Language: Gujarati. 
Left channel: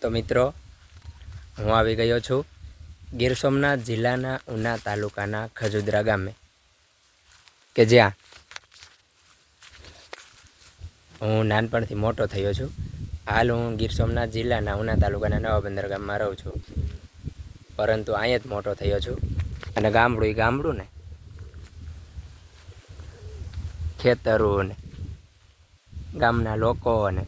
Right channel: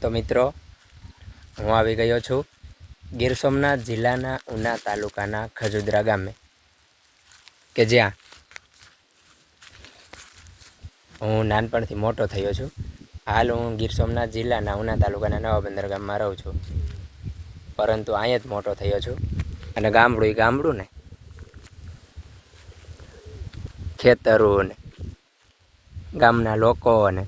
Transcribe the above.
તો મિત્રો, હું આવી ગયો છું ગીર સોમનાથ જિલ્લાના ઉના તાલુકાના ખજુદરા ગામે, કે જ્યાં હું નાનપણથી મોટો થયો છું. હાલ હું ગીર સોમનાથ જિલ્લાના ઉના તાલુકાના નવા બંદર ગામમાં રહું છું, પરંતુ અહીંયા જ મોટો થયો છું. અને ગામડું ને ખેતરો ને ગામના લોકો ને